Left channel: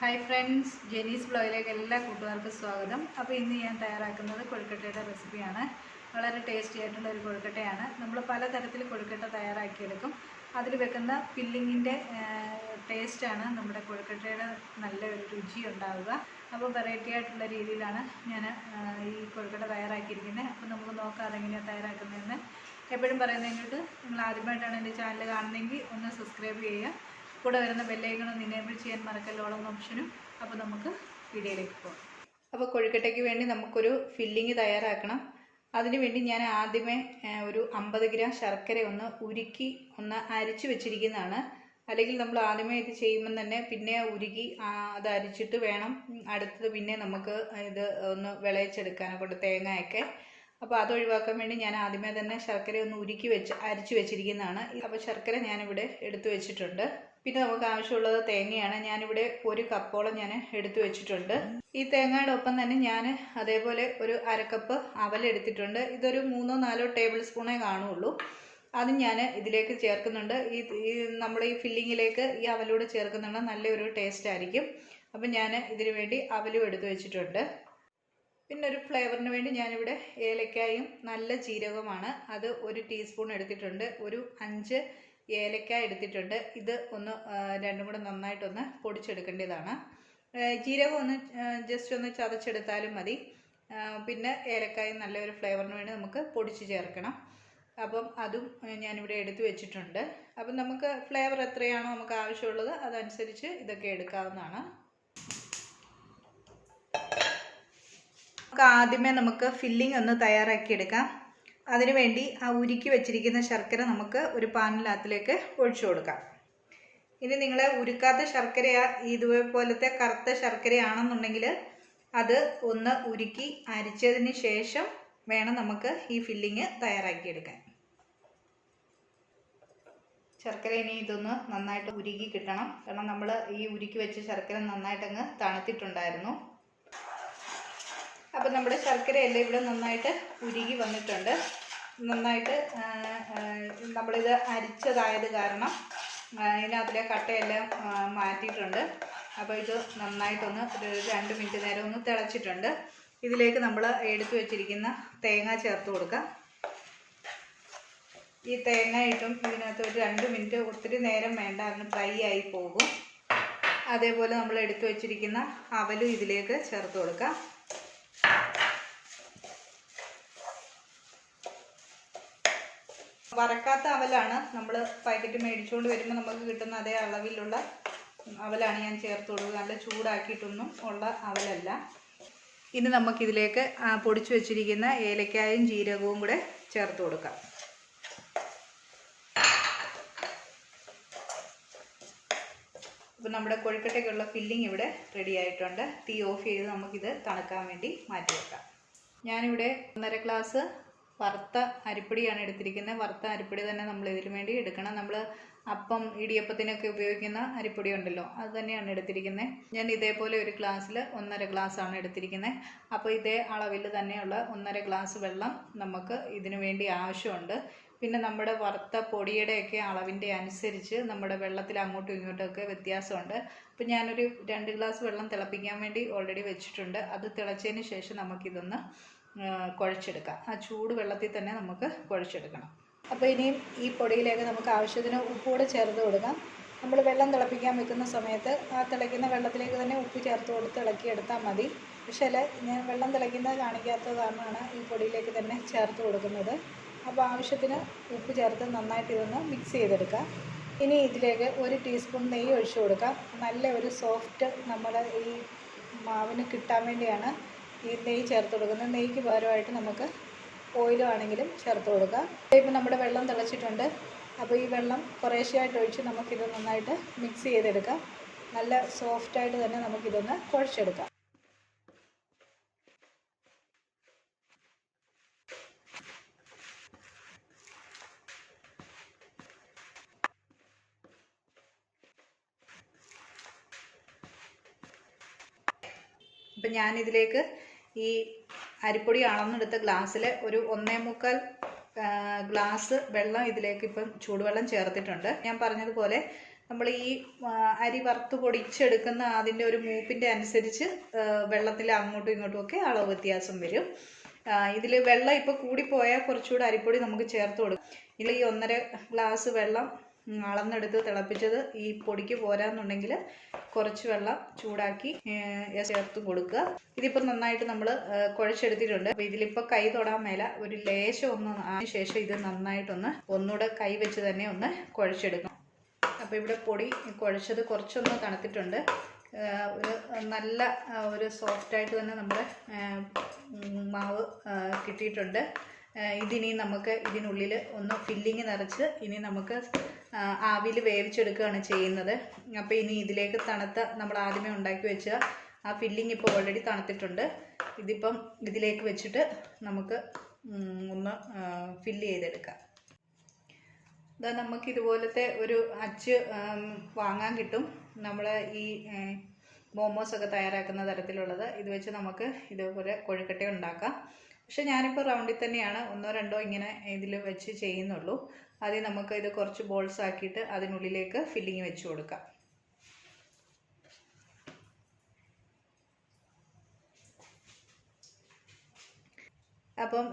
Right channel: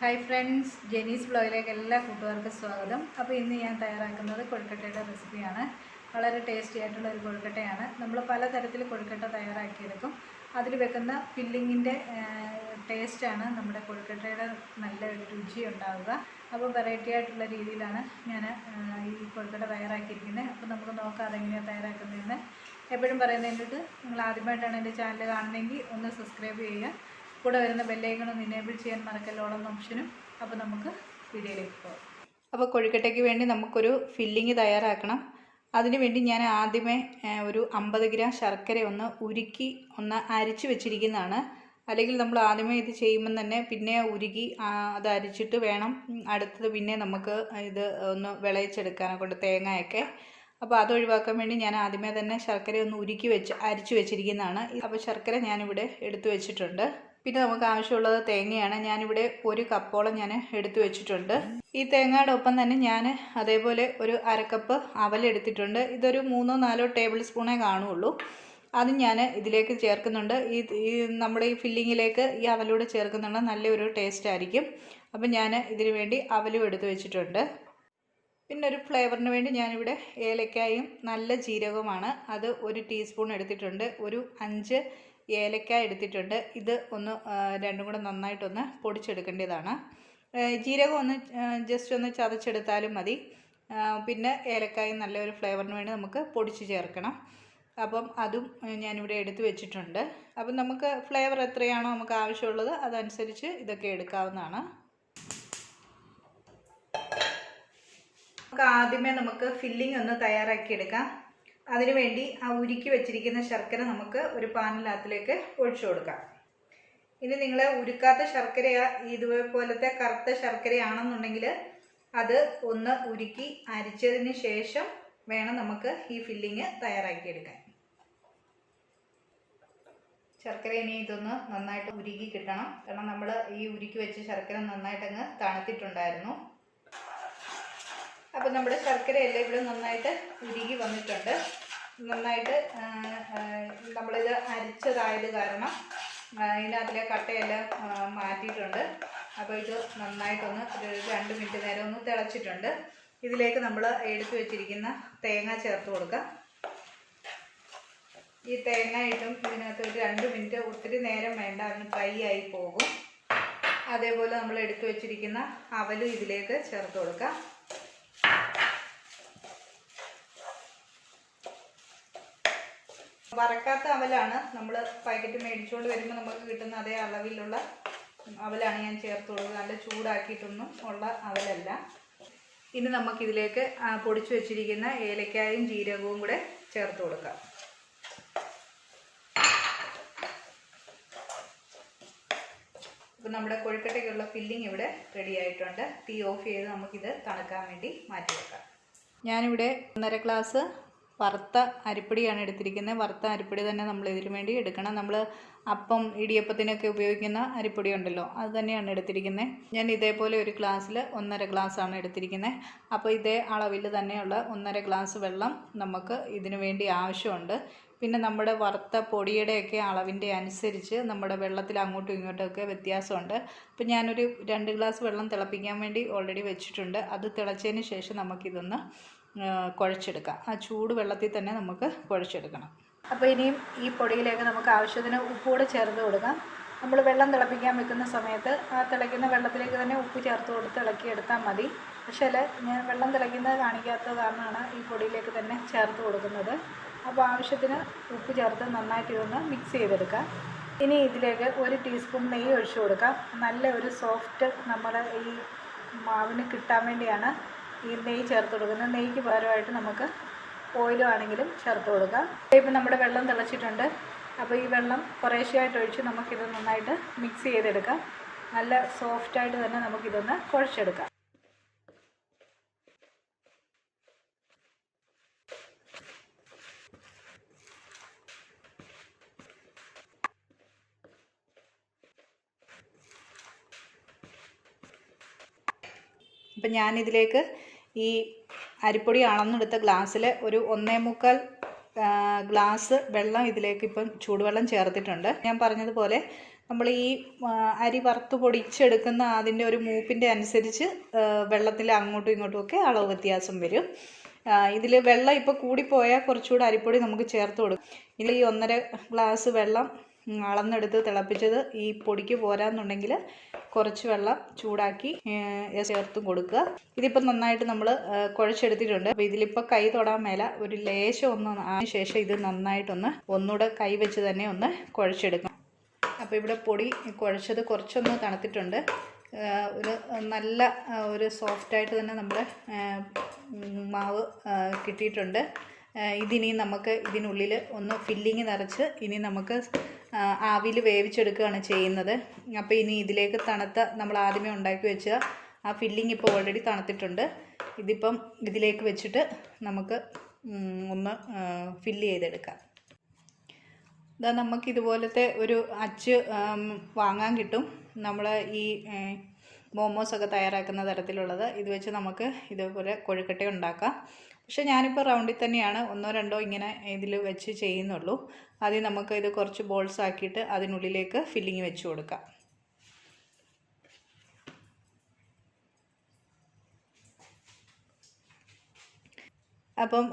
Hi friends, Jenny's vlogിലേക്ക് എല്ലാ കൂട്ടുകാർക്കും സ്വാഗതം. അപ്പോൾ ഇന്ന് ഞാൻ തയ്യാറാക്കുന്നത് കൊഴുക്കട്ടയുടെ റെസിപ്പിയാണ്. വളരെ ടേസ്റ്റി ആയിട്ടുള്ള ഒരു കൊഴുക്കട്ടയാണ്. നമ്മൾ പല തരത്തിൽ കൊഴുക്കട്ട തയ്യാറാക്കിയെടുക്കും. അതിൽ വെക്കുന്ന ഫില്ലിങ്ങിൻ്റെ ടേസ്റ്റാണ് നമ്മുടെ കൊഴുക്കട്ടയുടെ നല്ല ഒരു രുചി ഉണ്ടാവുക. അപ്പോൾ വെറൈറ്റി ആയിട്ടുള്ള രീതിയിലാണ് ഞാൻ ഈ കൊഴുക്കട്ട തയ്യാറാക്കിയിരിക്കുന്നത്. അപ്പോൾ നമുക്ക് നോക്കാം അതെങ്ങനെയാണ് തയ്യാറാക്കുന്നതെന്ന്. എപ്പോഴും പറയുന്നതിനോട്ട് നിങ്ങൾ ആദ്യമായിട്ടാണ് എൻ്റെ ചാനൽ കാണുന്നതെങ്കിൽ ഒന്ന് സബ്സ്ക്രൈബ് ചെയ്യുക. കൂടെ വരുന്ന ബെല്ലൈക്കൺ ഒന്ന് എനേബിൾ ചെയ്യാൻ മറക്കല്ലോളം ഓപ്ഷനും. അപ്പോൾ നമുക്ക് വീഡിയോയിലേക്ക് പോകാം. അപ്പോൾ കൊഴുക്കട്ടയ്ക്ക് വേണ്ടി നമുക്കൊരു ഫില്ലിങ് തയ്യാറാക്കണം. അതിനു വേണ്ടി ഞാൻ ആദ്യമേ ഒരു 50 ഗ്രാം ശർക്കര ഒന്ന് ഉരുക്കി ഒന്ന് അരിച്ച് വെച്ചിരിക്കുന്നതാണ്. അല്ലെങ്കിൽ നമ്മൾ ആദ്യമേ ഇത് ചെയ്യുമ്പം തന്നെ പിന്നെ ഉരുക്കി അത് അരിച്ചിട്ട് വേണം അടുത്തത് പിന്നെ നമുക്ക് ഇത് ഒന്ന് വിളയിച്ചെടുക്കാനൊക്കെ കൊണ്ട് തേങ്ങയൊക്കെ. അപ്പോൾ അത് ഒഴിവാക്കാൻ വേണ്ടി ഞാൻ ആദ്യമേ തന്നെ ശർക്കര ഒന്ന് ഉരുക്കി അരിച്ച് വെച്ചിരിക്കുന്നതാണ്. അപ്പോൾ ശർക്കര ഞാനിവിടെ എടുത്തു വെച്ചിട്ടുണ്ട്. പിന്നെ നമുക്ക് ആവശ്യമുള്ളത് തേങ്ങയാണ്. ഞാനിവിടെ 1 കപ്പോളം ഞാൻ എടുത്തു വെച്ചിട്ടുണ്ട്. ഈ തേങ്ങയുടെ ഒപ്പം തന്നെ ഞാൻ അതേപോലെ ഒരു 1/2 കപ്പ് അവലെടുത്തിട്ടുണ്ട്. ഇതൊരു 3-4 ടേബിൾ സ്പൂണേ കാണുള്ളൂ. അത് ഞാൻ ഇതിലേക്ക് ചേർക്കുന്നുണ്ട്. ഈ നമ്മുടെ ഈ ഫില്ലിങ്ങിലേക്ക് ഈ അവലൂടെ ചേർക്കുന്നുണ്ട്, നല്ലൊരു ടേസ്റ്റ് ആയിരിക്കും. അപ്പം ഞാൻ ഇതിനു വേണ്ടി അവലും എടുത്തു വെച്ചിട്ടുണ്ട്. പിന്നെ ഒരു ഫ്ലേവറിന് വേണ്ടി ഞാനിവിടെ ഏലക്കായും നല്ല ജീരകവുമാണ്, അത് 1 ടീസ്പൂൺ എടുത്തിട്ടുണ്ട്. ഒരു 5 ഏലക്കായ എടുത്തിട്ടുണ്ട്. ഇത് ഒന്ന് രണ്ടും കൂടെ നന്നായിട്ടൊന്ന് പൊടിച്ചെടുക്കേണ്ടതാണ്. ജീരകം ഒന്ന് ജസ്റ്റ് ഒന്ന് ചതച്ചെടുത്താലും മതി. പിന്നെ ഏലക്കായും നല്ലൊരു ഫ്ലേവറിന് വേണ്ടി നമുക്ക് പൊടിച്ച് ചേർക്കണം. അപ്പം അതും ഞാനിവിടെ എടുത്തു വെച്ചിട്ടുണ്ട്. അപ്പം നമുക്ക് ഫ്ലേവർ എത്രയാണോ നമുക്ക് ആവശ്യമുള്ളത് അതനുസരിച്ച് ഇതൊക്കെ എടുക്കാവുന്നതാണ്. ആദ്യമേ നമുക്ക് ഫില്ലിംഗ് ഒന്ന് തയ്യാറാക്കിയെടുക്കാം. അതിനുവേണ്ടി ആ ഉരുക്കി വെച്ചിരിക്കുന്ന ശർക്കര നമുക്ക് ഒരു പാനിനകത്തിലേക്ക് ഒഴിച്ചു കൊടുക്കാം. ഇനി നിങ്ങൾ ഉരുക്കാത്ത ശർക്കര ഇതുപോലത്തെ കറുത്ത ശർക്കരയാണെന്നുണ്ടെങ്കിൽ അത് ഒന്ന് ഉരുക്കി അരിച്ചതിന് ശേഷം വേണം നമുക്ക് ഈ ഫില്ലിങ് തയ്യാറാക്കിയെടുക്കാൻ. ശർക്കര ഇനി ഇതൊന്ന് നന്നായിട്ട് ഉരുക്കി കിട്ടണം. കാരണം നമ്മൾ ഈ ഉരുക്കി വെച്ച ശർക്കര നന്നായിട്ടങ്ങ് തണുത്തിട്ടുണ്ടായിരുന്നു. അപ്പോൾ നമ്മുടെ ശർക്കരയെല്ലാം ഇവിടെ നന്നായിട്ട് ഉരുകി വന്നിട്ടുണ്ട്. നന്നായിട്ട് നമ്മളിത് അരിച്ചതായത് കാരണം ഇതിനകത്തിലെ കട്ടയെല്ലാം മാറ്റിയിട്ടുണ്ട്. അപ്പോൾ ഇത് നന്നായിട്ടൊന്ന് 2 മിനിറ്റ് നേരം ഒന്ന് തിളച്ചിട്ടുണ്ട്. ഇതിലേക്ക് നമ്മൾ എടുത്തു വെച്ചിരിക്കുന്ന തേങ്ങ ചേർത്ത് കൊടുക്കാം. ഈ തേങ്ങ ഇട്ടും ഇതിനകത്ത് ഒരു 2 മിനിറ്റ്, ഒത്തിരി നേരം വേണ്ട, അതിന് ഫ്രൈ ആയി പോകും. അതേപോലെ നമ്മൾ എടുത്തു വെച്ചിരിക്കുന്ന അവലും ഇതിലേക്ക് ചേർത്ത് കൊടുക്കാം. വറക്കാത്ത അവലാണ്, നമ്മൾ പാക്കറ്റ് മേടിച്ചുകൊണ്ട് വരുമ്പോൾ നമുക്ക് കിട്ടുന്ന അതേ അളവിലുള്ള അവലാണ് ഞാൻ ചേർത്ത് കൊടുക്കുക. നല്ല ചൂടാക്കിയിട്ടൊന്നും ഉള്ള അവലല്ല. ഇനി നമുക്കിതിലേക്ക് പൊടിച്ചു വെച്ചിരിക്കുന്ന ഏലക്കായും ജീരകവും കൂടെ ചേർത്ത് കൊടുക്കാം. അപ്പോൾ നമ്മുടെ കൊഴുക്കട്ടയ്ക്കുള്ള ഫില്ലിംഗ് ഇവിടെ റെഡി ആയിട്ടുണ്ട്. തീ ഓഫ് ചെയ്ത് നമുക്കിത് തണുക്കാൻ വേണ്ടി മാറ്റി വെക്കാം. ഞാനിവിടെ 1.5 ഗ്ലാസ് വറുത്ത അരിപ്പൊടിയാണ് എടുത്തിരിക്കുന്നത്. വറുത്ത അരിപ്പൊടി തന്നെ നമ്മൾ ഇതിനു വേണ്ടി എടുക്കണം. നമ്മൾ അപ്പം ഇടിയപ്പത്തിനൊക്കെ ഉപയോഗിക്കുന്ന അരിപ്പൊടി ഉണ്ടല്ലോ, അത് തന്നെയാണ് എടുത്തിരിക്കുന്നത്. ഞാൻ ഇതേപോലെ ഒരു ഗ്ലാസ്സിൽ 1.5 ഗ്ലാസ്സാണ് എടുത്തിരിക്കുന്നത്. അപ്പോൾ ഇതേ അളവിൽ തന്നെയുള്ള 1.5 ഗ്ലാസ് വെള്ളം നമുക്ക് ഇതിനു വേണ്ടി ആവശ്യമുണ്ട്. പിന്നെ നമ്മുടെ വറുത്ത പൊടിയുടെയൊക്കെ അളവിൻ്റെ അനുസരിച്ച് നമ്മുടെ വെള്ളത്തിൽ അങ്ങോട്ടും ഇങ്ങോട്ടുമൊക്കെ വ്യത്യാസമുണ്ട്. അപ്പോൾ ഞാനൊരു 2 ഗ്ലാസ് വെള്ളം തിളപ്പിക്കാൻ വേണ്ടി ഓൾറെഡി വെച്ചിട്ടുണ്ട്. അത് തിളച്ചതിന് ശേഷം നമുക്കിതൊന്ന് കുഴച്ചെടുക്കാം. ആ ചൂട് വെള്ളത്തിൽ തന്നെ നമുക്ക് കുഴച്ചെടുക്കണം. അപ്പോൾ ഇനിയും ഈ പൊടിയിലേക്ക് നമുക്ക് ആവശ്യത്തിന് ഉപ്പുകൂടെ ചേർത്ത് കൊടുക്കാം. നമ്മൾ വെള്ളം തിളപ്പിക്കാൻ വെക്കുന്ന സമയത്ത് ആ തിളയ്ക്കുന്ന വെള്ളത്തിലേക്ക് തന്നെ ഉപ്പ് ചേർത്ത് കൊടുത്ത് ഇളക്കിയെടുത്താൽ മതി. പക്ഷേ ഞാൻ വെള്ളം തിളയ്ക്കുന്നത് കാണിക്കാത്തത് കാരണമാണ് ഈ പൊടിയിലേക്ക് തന്നെ ചേർത്ത് കൊടുക്കുന്നത്. അപ്പോൾ ആവശ്യത്തിന് ഉപ്പ് ചേർത്ത് നന്നായിട്ട് ഇതൊന്ന് മിക്സ് ചെയ്തെടുക്കാം. ഇനി ഇതിലേക്ക് 1 ടീസ്പൂൺ നെയ്യ് ഒഴിച്ചു കൊടുക്കാം. നല്ല ഒരു സോഫ്റ്റ് നമ്മൾ ഈ മാവിന് കിട്ടാൻ വേണ്ടിയാണ് ഈ നെയ്യ് ചേർത്ത് കൊടുക്കുന്നത്. നെയ്യ്ക്ക് പകരമായിട്ട് നമുക്ക് ഓയിലും ആണെങ്കിലും ചേർത്ത് കൊടുക്കാം. ഇപ്പം നമ്മുടെ വെള്ളം തിളച്ചിട്ടുണ്ട്. അപ്പോൾ ഈ വെള്ളം കുറേശ്ശെയായിട്ട് ഒഴിച്ച് നമുക്കിത് നന്നായിട്ട് മിക്സ് ചെയ്തെടുക്കാം. നല്ല സോഫ്റ്റായിട്ട് തന്നെ നമുക്കിതൊന്ന് കുഴച്ചെടുക്കാം. അപ്പം ഞാനിതിലേക്ക് ഈ അരിപ്പൊടി അളന്നെടുത്ത ഗ്ലാസ്സിൽ ഒരു 1.25 ഗ്ലാസ് വെള്ളം ഇതിലേക്ക് ഇപ്പം ചൂടുവെള്ളം ചേർത്തിട്ടുണ്ട്. ഞാൻ പറഞ്ഞതുപോലെ നമ്മൾ ഈ അരി വറുത്ത് പൊടിച്ചെടുക്കുന്ന അതിൻ്റെ ഒരു മൂപ്പിൻ്റെ അനുസരിച്ച് വെള്ളത്തിൽ അങ്ങോട്ടും ഇങ്ങോട്ടും ഒക്കെ അളവ് വ്യത്യാസം വരും. ഇതിൽ വെള്ളം ഇപ്പോൾ കൂടിപ്പോയാൽ കുറച്ചുകൂടെ അരിപ്പൊടി നമുക്ക് ചേർത്ത് കൊടുക്കും. ഇതിൽ ഈ 1.5 ഗ്ലാസ് വെള്ളം അളന്നെടുത്ത് തിളപ്പിച്ചത് ഈ പൊടിക്ക് പോരാന്നുണ്ടെങ്കിൽ കുറച്ച് വെള്ളം ചൂടാക്കി ചേർത്തും കൊടുക്കുക. ഇതിപ്പോൾ നന്നായിട്ട് നമ്മൾ കുഴച്ചെടുത്തിട്ടുണ്ട്. അപ്പോൾ ഇതിലിപ്പോൾ കൈ തൊടാൻ മേല, ഒരു ലേശം ഒന്ന് അതിന് ശേഷം ഇത് നന്നായിട്ടൊന്ന് ഒന്നുകൂടെ കൈ വെച്ച് തന്നെ ഒന്ന് കുഴച്ചെടുക്കണം. അപ്പോൾ ഇവിടെ പൊടി കുഴച്ചത് കുറച്ചൊന്ന് തണുത്തിട്ടുണ്ട്. ഒരു നല്ല ഒരു സോഫ്റ്റായിട്ട് തന്നെ നമ്മുടെ മാവ് കിട്ടിയിട്ടുണ്ട്. ഇതിനി നമുക്ക് ഇതിനുള്ളിൽ ഒന്ന് ഫില്ലിങ് നിറച്ച് ഇനി നമുക്ക് ആവിയിൽ വേവിച്ചെടുക്കുകയാണ് ചെയ്യുന്നത്. അപ്പോൾ ഇനി ഇതിലേക്ക് തണുത്ത നമ്മൾ ആദ്യമേ ഉണ്ടാക്കി വെച്ച ആ ഫില്ലിങ് ഇപ്പോൾ ഓൾറെഡി തണുത്തിട്ടുണ്ട്. ഇതിപ്പം ഇതിലേക്ക് വെച്ചിട്ട് നമുക്ക് ഒന്ന് ഫില്ല് ചെയ്തെടുക്കാം. ഇതാ നമുക്കിതുപോലത്തെ ഒരു അച്ച് വാങ്ങാൻ കിട്ടും. നമ്മൾ ഈ മോമോസൊക്കെ തയ്യാറാക്കുന്ന തരത്തിലുള്ളത്. ഇത് വെച്ച് നമുക്ക് ഇതുപോലെ കൊഴുക്കട്ട ഉണ്ടാക്കാം. പക്ഷെ ഞാനിപ്പോൾ റൗണ്ടിൽ തന്നെയാണ് 1-2 ഇങ്ങനെ ഇതിൽ വെച്ച് ചെയ്യുന്നുള്ളൂ. ആദ്യം നമുക്ക് ഇത് കുറച്ച് ബോൾസ് ആക്കിയിട്ട് അതിനുള്ളിലേക്ക് ഫില്ലിങ് വെച്ച് കൊടുക്കാം. അപ്പം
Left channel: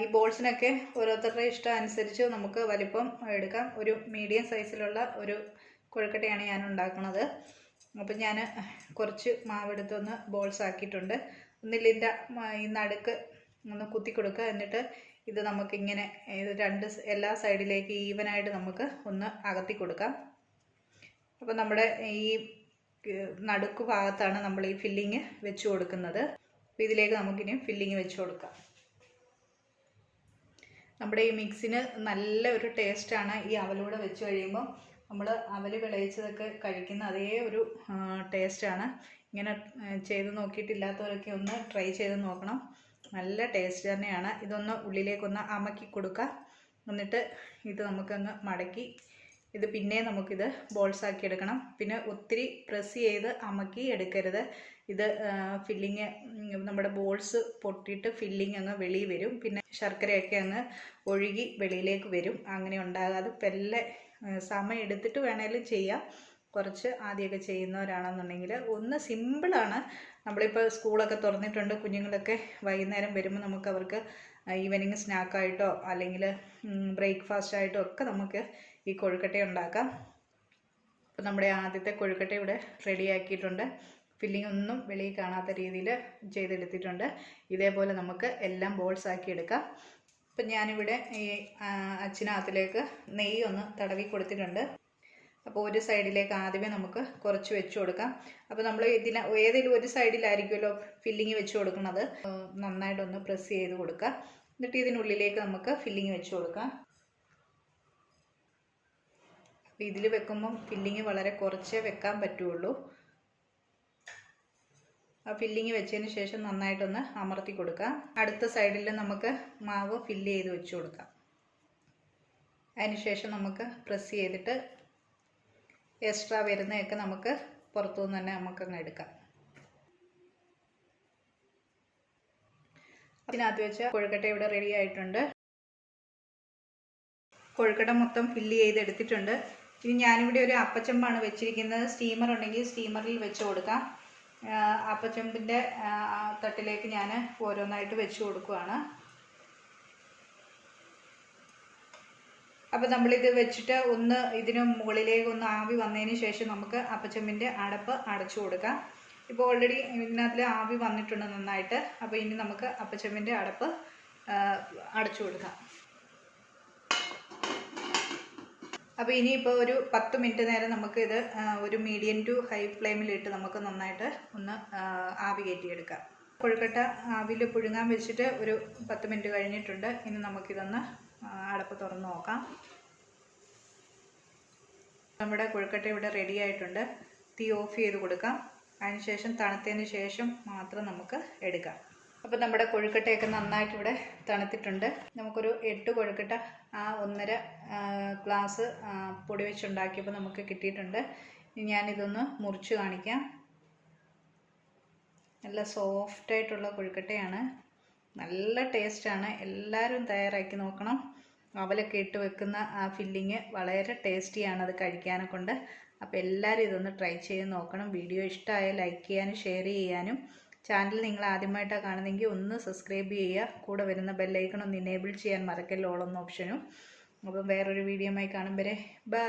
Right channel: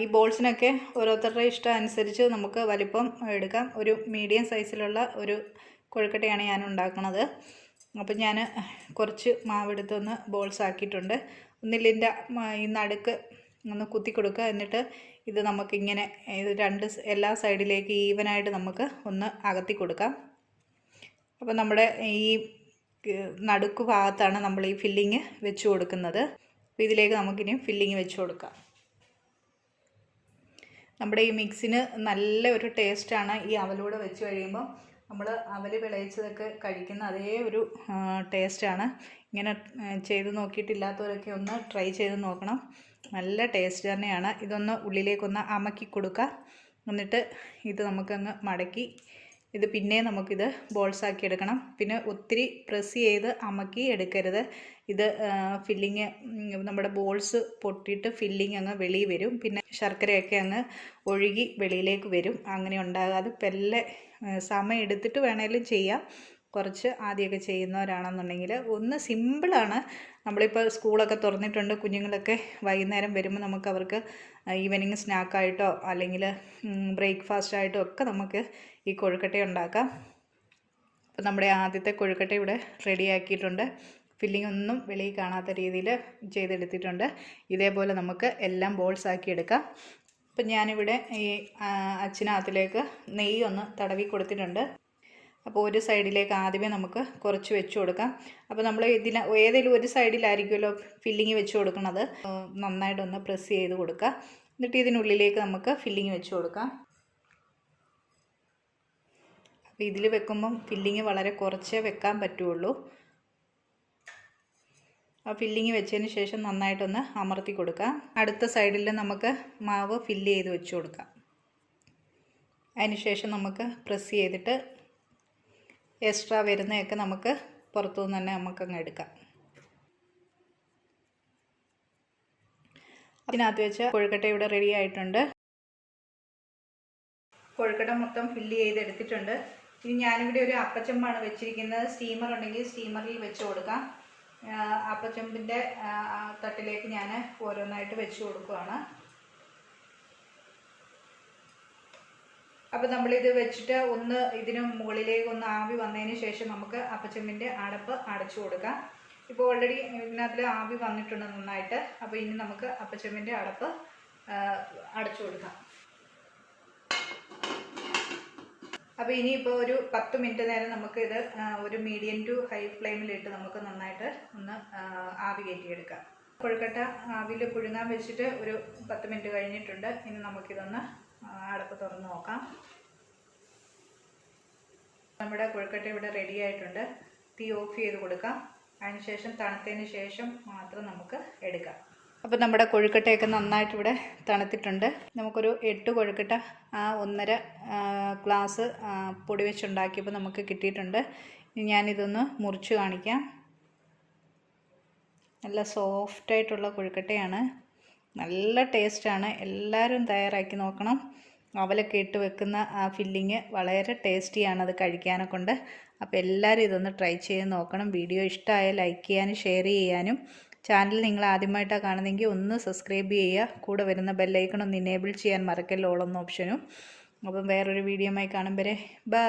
ഈ ബോൾസിനൊക്കെ ഓരോരുത്തരുടെ ഇഷ്ടം അനുസരിച്ച് നമുക്ക് വലിപ്പം എടുക്കാം. ഒരു മീഡിയം സൈസിലുള്ള ഒരു കൊഴുക്കട്ടയാണ് ഞാൻ ഉണ്ടാക്കുന്നത്. അപ്പം ഞാൻ കുറച്ച് മാവെടുത്തൊന്ന് ബോൾസ് ആക്കിയിട്ടുണ്ട്. ഒന്നിലിൻ്റെ ഈ നടുക്ക് ഒന്ന് കുത്തി കൊടുക്കുക. എന്നിട്ട് ഇത് നമുക്കിങ്ങനെ ഇത് എല്ലാ സൈഡിലേക്ക് ഈവനായിട്ട് നമുക്ക് ഒന്ന് അകത്തി കൊടുക്കാം. അപ്പോൾ നമ്മുടെ ഈ നടുക്ക് ഭാഗത്താണ് നമ്മൾ ഈ ഫില്ലിങ് വെച്ച് കൊടുക്കുന്നത്. അപ്പോൾ ഇതിലേക്ക് നമുക്കിനി ഫില്ലിങ് വെച്ച് കൊടുക്കാം. നമ്മുടെ ഈ മിക്സിന് നല്ല ഒരു ടേസ്റ്റാണ് ഈ അവലൂടെ വെച്ച് കഴിയുമ്പോൾ. നമ്മൾ അവൽ വിളയിച്ചതൊക്കെ കഴിക്കുന്ന അതേ ഒരു ടേസ്റ്റാണ്. ഇങ്ങനെ ചെയ്ത് നോക്കിയിട്ടില്ലാത്തവരൊക്കെ ഒന്ന് ട്രൈ ചെയ്ത് നോക്കണം. നല്ല ടേസ്റ്റ് തന്നെയാണ്. ഇതൊന്ന് ഉള്ളിലേക്കൊന്ന് അമക്കി കൊടുക്കുക. എന്നിട്ട് ഇത് നമുക്കങ്ങ് മടക്കി ഇത് പിന്നെ നമുക്കിത് ബോൾസാക്കി എടുക്കണം. പിന്നെ ഒത്തിരി പ്രസ് ചെയ്ത് അമക്കി എടുക്കരുത്. ഇത് ഫില്ലിങ് നമ്മുടെ ബോൾസ് പൊട്ടിയിട്ട് ഫില്ലിങ് അങ്ങ് വെളിയിൽ വരും. പിന്നെ ശർക്കരയൊക്കെ അങ്ങ് ഒഴുകി വെളിയിലേക്ക് വരും. അങ്ങനെ ഉണ്ടാകാതെ പെല്ലെ സമയം എടുത്തിട്ട് വേണേലും ചെയ്യാം. കുറച്ച് ആദ്യമൊക്കെ ചെയ്യുന്നവരാണെന്നുണ്ടെങ്കിൽ ഒന്ന് സിമ്പിളാണ്. നമ്മളിപ്പോൾ സ്കൂളൊക്കെ തുറന്നിട്ടുണ്ട്. കുഞ്ഞുങ്ങളൊക്കെ വൈകുന്നേരം വരുമ്പോൾ നമുക്ക് അവർക്ക് ഈവനിങ് സ്നാക്കായിട്ടോ അല്ലെങ്കിൽ ബ്രേക്ക്ഫാസ്റ്റായിട്ടോ ഒക്കെ നമുക്ക് ഈ കൊഴുക്കട്ട ഉണ്ടാക്കാം. അപ്പോൾ നമ്മുടെ ആദ്യത്തെ കൊഴുക്കട്ട ഇവിടെ റെഡിയാക്കിയിട്ടുണ്ട്. ഫില്ലിംഗ് ഒന്നും വെളിയിൽ കാണാത്ത രീതിയിൽ ചെയ്തെടുത്തിട്ടുണ്ട്. ഇതേപോലെ നമുക്ക് എല്ലാം ബോൾസ് ആക്കി എടുക്കാം. അപ്പം ഞാനിവിടെ ഈ അച്ചിനകത്തിലേക്ക് നെയ്യ് ഒന്ന് തടവി കൊടുത്തിട്ടുണ്ട്. അപ്പോൾ ഒരു സൈഡിലേക്ക് ആദ്യമേ നമുക്ക് കുറച്ച് വെച്ച് കൊടുക്കാം. അപ്പോൾ നമ്മൾ ഏതെങ്കിലും ഒരു സൈഡിലായിരിക്കുമല്ലോ ഫില്ലിങ് വെച്ച് കൊടുക്കുന്നത്. നന്നായിട്ടൊന്ന് പ്രസ് ചെയ്ത് കൊടുക്കുക. എന്നിട്ട് ഇതിനുള്ളിലേക്ക് നമുക്ക് ഫില്ലിങ് വെച്ച് കൊടുക്കാം. അപ്പോൾ ഇതിൽ വെക്കുമ്പം ഫില്ലിങ് വളരെ കുറച്ചേ വെക്കാൻ പറ്റുള്ളൂ. ആ ഫില്ലിങ് വെച്ചതിന് ശേഷം നന്നായിട്ടൊന്ന് അമർത്തി കൊടുക്കാം. അടുത്ത സൈഡിൽ നമുക്ക് മാവ് ഫില്ല് ചെയ്ത് വെച്ച് കൊടുക്കാം. അതിന് ശേഷം നമുക്ക് പ്രസ് ചെയ്തിട്ട് എക്സ്ട്രാ വരുന്നതൊക്കെ നമുക്ക് പുറത്തുനിന്ന് തന്നെ നമുക്കങ്ങ് എടുക്കാം. അതിനകത്ത് വെച്ച കൊഴുക്കട്ട ഇവിടെ റെഡി ആയിട്ടുണ്ട്. കൊഴുക്കട്ട മൊത്തം ഫില്ല് ചെയ്തെടുത്തിട്ടുണ്ട്. ഇനി ഞാനിവിടെ ഒരു അപ്പച്ചമ്പാണ് വെച്ചിരിക്കുന്നത്. സ്റ്റീമർ ഉണ്ടെങ്കിൽ സ്റ്റീമറിൽ വെച്ച് കൊടുക്കാം. അപ്പച്ചമ്പിൻ്റെ തട്ടിലേക്ക് ഞാൻ ഓരോന്നായിട്ട് വെച്ച് കൊടുക്കുകയാണ്. അപ്പോൾ നമ്മളിത് വെച്ചിട്ട് ഒന്ന് ഇതിന് മുകളിലേക്ക് ഒന്ന് ആവി വന്നതിന് ശേഷം നമുക്ക് അപ്പച്ചമ്പിൻ്റെ അടപ്പ് അടച്ചു കൊടുക്കാം. ഇപ്പോൾ ഓൾറെഡി ഇതിനകത്തിൽ ആവി വന്നിട്ടുണ്ട് നന്നായിട്ട്. അപ്പോൾ ഇനി നമുക്ക് അപ്പച്ചമ്പിൻ്റെ അടപ്പ് അടച്ചു കൊടുക്കാം. അപ്പോൾ ഇനിയിപ്പോൾ ഒരു 10 മിനിറ്റ് നേരം നമുക്ക് ഇത് ഒരു മീഡിയം ടു ഹൈ ഫ്ലെയിമിലിട്ട് നമുക്ക് നന്നായിട്ട് ഒന്ന് ആവി കയറ്റിയെടുക്കാം. കൊഴുക്കട്ട ആവിയിൽ പുഴുങ്ങാൻ വെച്ചിട്ട് ഒരു 10 മിനിറ്റ് കഴിഞ്ഞിട്ടുണ്ട്. ഇനി നമുക്കിതൊന്ന് അടപ്പ് തുറന്ന് നോക്കാം. നമ്മുടെ കൊഴുക്കട്ട ഇവിടെ റെഡി ആയിട്ടുണ്ട്. തീ ഓഫ് ചെയ്ത് കൊടുക്കാം. അതിനുശേഷം തണുത്തതിന് ശേഷം മാത്രം നമുക്ക് എടുക്കാം. അപ്പോൾ നമ്മുടെ കൊഴുക്കട്ടയൊക്കെ നന്നായിട്ട് ഇവിടെ തണുത്തിട്ടുണ്ട്. നമുക്കൊരു 8 കൊഴുക്കട്ട 1.5 ഗ്ലാസ് പൊടി വെച്ചുണ്ടാക്കിയപ്പോൾ നമുക്ക് കിട്ടിയിട്ടുണ്ട്. ഞാനിതൊന്ന് മുറിച്ച് കാണിക്കാം. നല്ല സോഫ്റ്റായിട്ടുള്ള കൊഴുക്കട്ടയാണ്. നല്ല ടേസ്റ്റാണ്. എല്ലാവരും തയ്യാറാക്കി നോക്കണം. അവലൊക്കെ ഇട്ട് വെക്കുന്ന ആ ഫില്ലിങ് വളരെ ടേസ്റ്റിയാണ് അത് കഴിക്കാനെ കൊണ്ട്. അപ്പോൾ എല്ലാവരും ഇതൊന്ന് ട്രൈ ചെയ്ത് നോക്കണം. വീഡിയോ ഇഷ്ടമായ ലൈക്ക് ചെയ്യാനും ഷെയർ ചെയ്യാനും, ചാനൽ നിങ്ങൾ ആദ്യമായിട്ടാണ് കാണുന്നതെങ്കിൽ ഒന്ന് സബ്സ്ക്രൈബ് ചെയ്യുക. കൂടെ വരുന്ന ബെല്ലൈക്കൺ ഒന്ന് ഇനേബിൾ ചെയ്യാൻ മറക്കല്ലോ, ഓൾ എന്ന ഓപ്ഷനും. അപ്പം വേറൊരു വീഡിയോയുമായി കാണും വരെ ബൈ.